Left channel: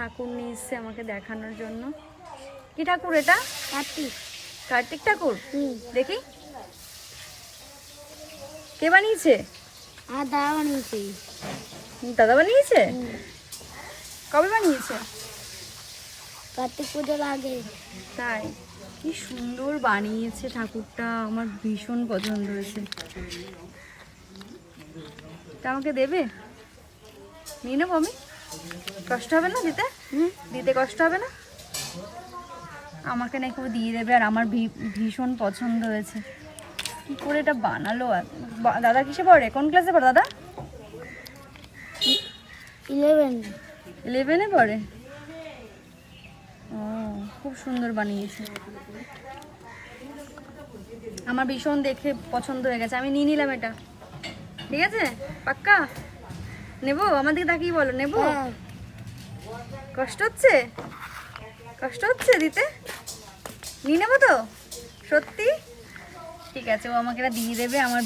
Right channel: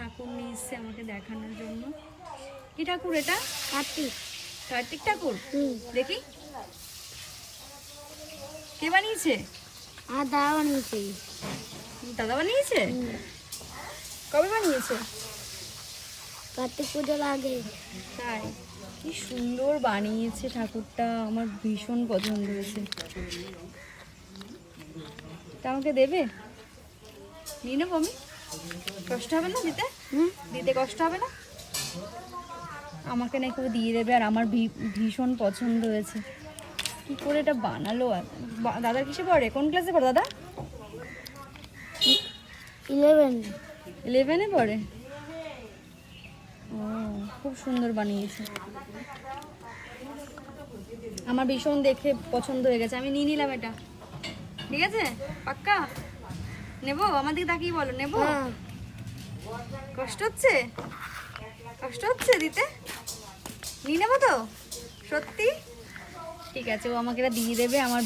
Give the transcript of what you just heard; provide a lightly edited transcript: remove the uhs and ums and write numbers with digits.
ঠাকুর নিয়ে এসছে আমাকে দেখানোর জন্য। কি ঠাকুর এটা? কার্তিক। কার্তিক ঠাকুর। দেখি কে বানিয়েছে? আর দাদা বানিয়েছে। দাদা বানিয়েছে? কবে বানিয়েছে? কার্তিক পুজোর আগে। তাই? কি সুন্দর বানিয়েছে ঠাকুরটা, আমার ভীষণ পছন্দ হয়েছে। তা আমাকে দেবে? নিয়ে নেবো আমি? কষ্ট হবে না দিতে? দিতে কষ্ট হবে না? আমাকে নাকি ও দিয়ে দেবে, আর আমার ভীষণ পছন্দ হয়েছে। কি করে এটা বানালো? দাদা কিসে পড়ে? কোন ক্লাসে পড়ে দাদা? 11-এ পড়ে। ও, খুব সুন্দর বানিয়েছে। আমার ভীষণ দেখে পছন্দ হয়ে গেছে, আমি নিয়ে নিলাম এটা। ঠিক আছে? পাক্কা নেবো? আমার দিকে তাকিয়ে বলো, নেবো? কষ্ট হচ্ছে? কষ্ট হচ্ছে দিতে? নিয়ে নেবো তো? সত্যি? ঠিক আছে, ও আমাকে এটা দিয়ে দেবে, আমার